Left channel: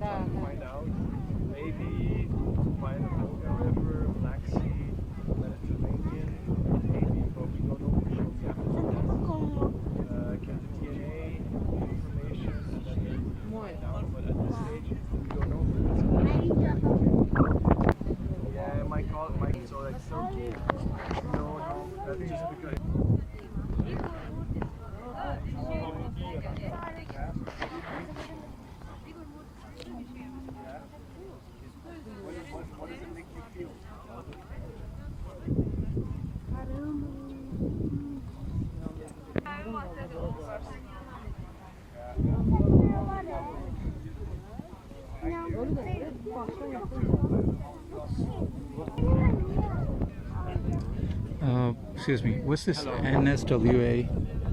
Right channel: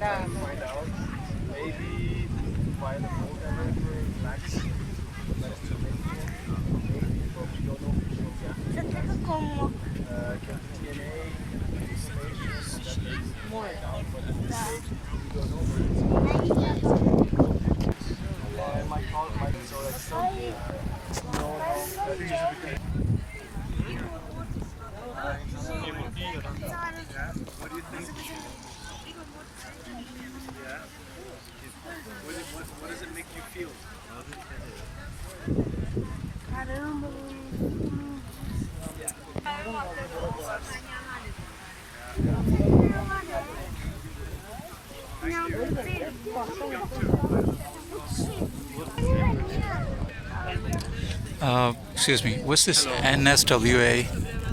find out. Maybe find a cold for Black Sea, Mediterranean, maybe, but we don't know for sure yet. Get the DNA, spacious, that is find out, but at this stage, we don't know where it's I might call it, so like something, no, that is usually what do you think? Yeah. What does it make you feel? Excuse me, what's this Hello. NSWA?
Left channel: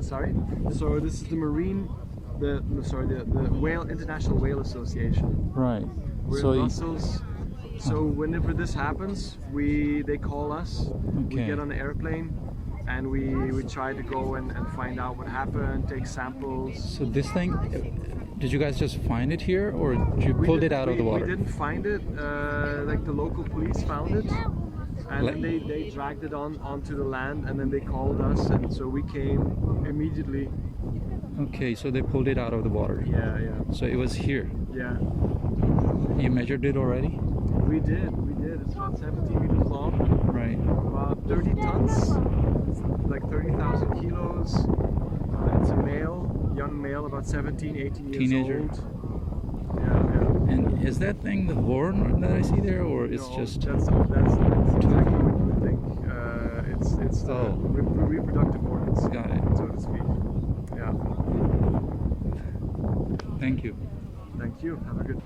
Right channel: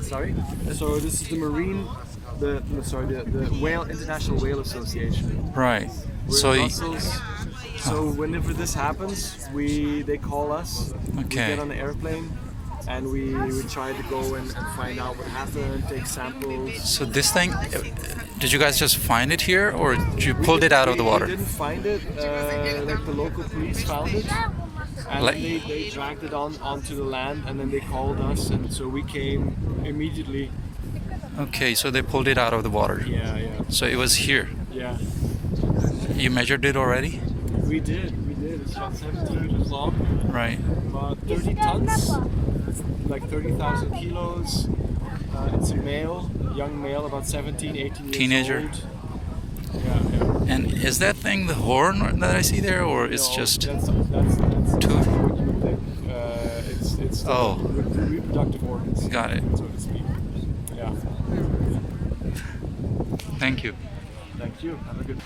Sorry. So this is the Whale International Whale Association. Right. We're So in y- Brussels. So whenever this happens, they call us. We Okay. get on the airplane, and we try to go and find out what happened, take samples. so this thing, did you guys just find it here, or did you pulled it out of the water? We didn't find it. Like the local police found it, and Like- then they dragged it onto the land, and then they called us, and so we came immediately. Okay, so they pulled it out of the water. Yeah, yeah, So it was here. yeah. You measured it already? We did. It's about 17 meters long, Right. about 30 tons. It's like 30,000 kilos. It's a male, young male, about 17, 18 years Teenager. old. Yeah. And is that thing the horn that I see there, or it's No, just that's two? exactly what you would think. It's the Oh. reproductive organs. Got it. So to speak. Yeah. Thank you. Thank you. Have a good.